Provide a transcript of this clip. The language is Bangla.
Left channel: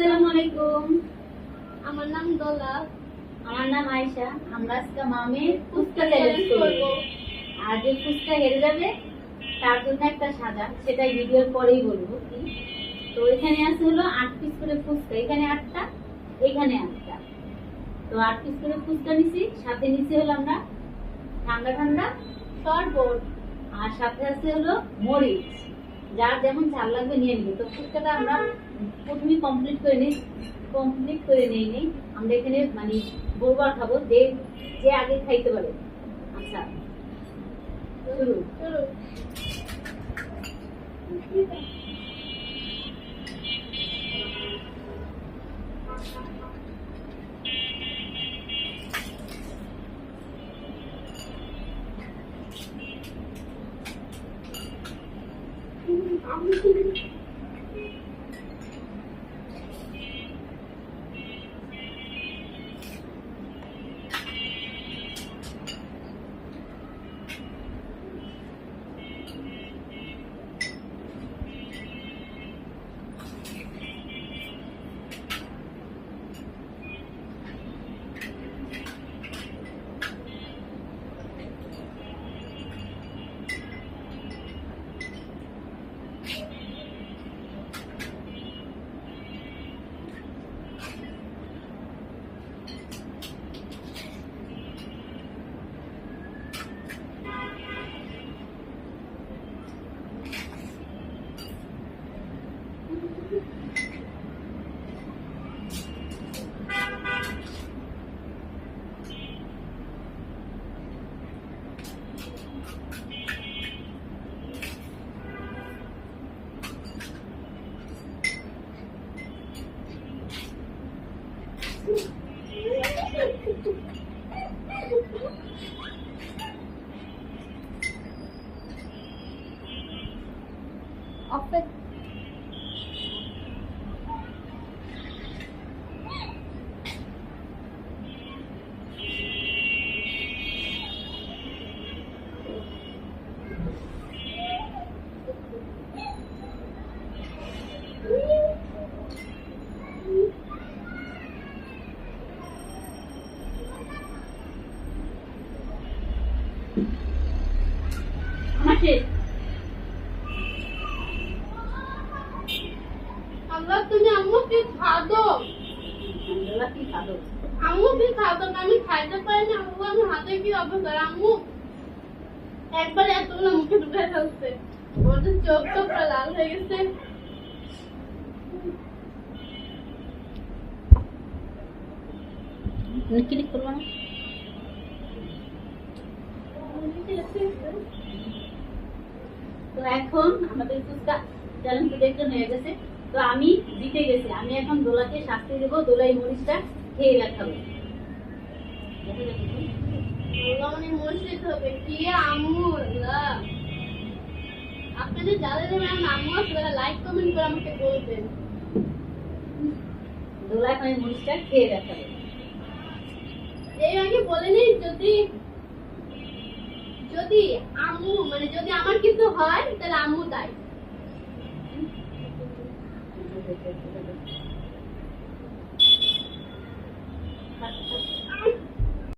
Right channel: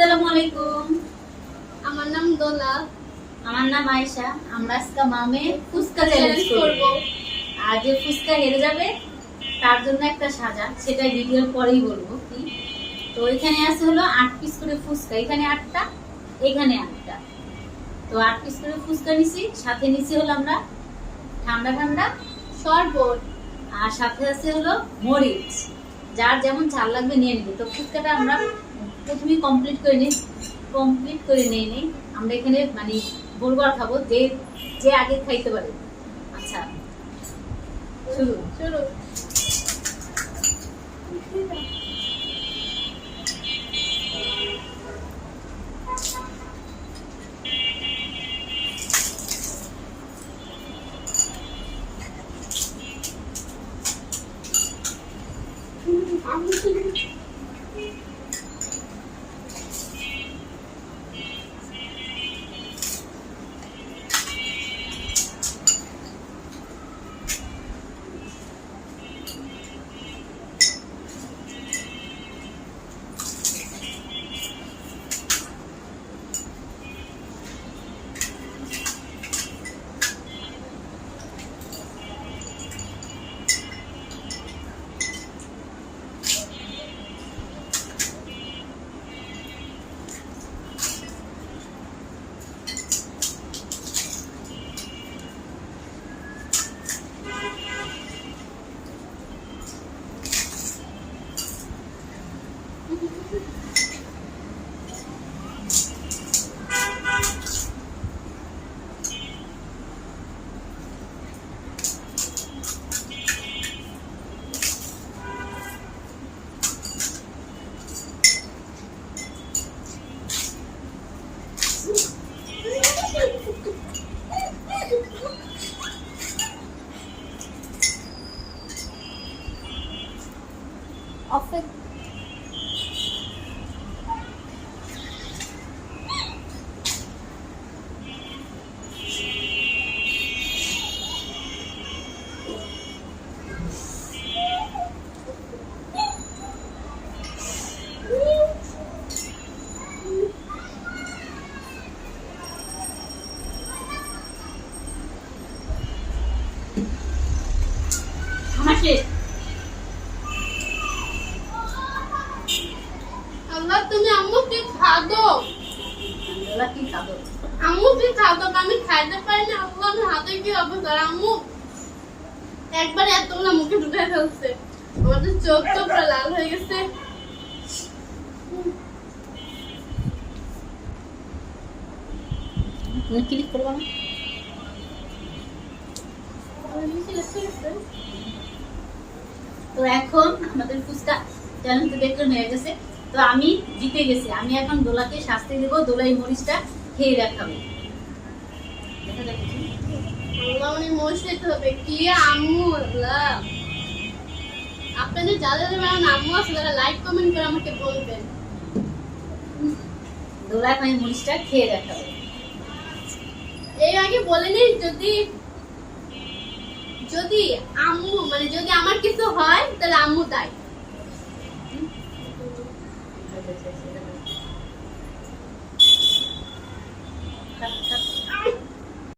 আসসালামু আলাইকুম। আমার নাম দোলা। আমার নাম আয়েশা। আমরা আজকে মামে ফুচকা চ্যালেঞ্জ করব। আর যে ফুচকা হেরে যাবে তার জন্য একটা সাজা, সেটাই ভিডিওর পরেই বলবো কি। তো এখানে আছে হলো 8 পিস করে ফুচকা, এখানে 8টা, এখানে 8টা। তো 8 পিস করে ফুচকা নিছি, সাথে নিছি হলো আমরা ঠান্ডা ঠান্ডা শরবত, আর সাথে আছে হলো মরিচ। যার যেমন ঝাল লাগবে নিয়ে নিবে। তো ফুচকাটা আমরা প্রথমেই কমপ্লিট করে নেই। আমরা এখানে মানে বলবার খাবো যে যে আগে খাইতে পারে। আচ্ছা, শুরু। আল্লাহ তুমি আম্মু কি খাদো? আম্মু কি খাদো? আমি খাইতে পারি না। আল্লাহ আমার হাতে কি অবস্থা? আম্মু একবার এতগুলো মুখে ঢুকে ফেলছে, আমাদের চোখ তো পুরো লাল হয়ে গেছে। ক্লিক করবো না। তো এখন আমাদের ফুচকা চ্যালেঞ্জ দেখতে হয়ে গেছে। তো আমি জিতে গেছি। আমি এখন দোলাকে শাস্তি দেবো, দোলাই মরিচটা খেয়ে দেখাবো। দেখা যাক আল্লাহ মানে মরিচ খেতে হবে কি আম্মু। আল্লাহ আপনাদের যাদের আমার আম্মু আছে তারা লাইক কমেন্ট করে আমাকে বলবেন। দোলা এখন এই মরিচটা খেয়ে দেখাবে। এই আগে বলে নেই যদি আম্মু মানে যদি আমার কিছু হয় তাহলে আম্মু দায়।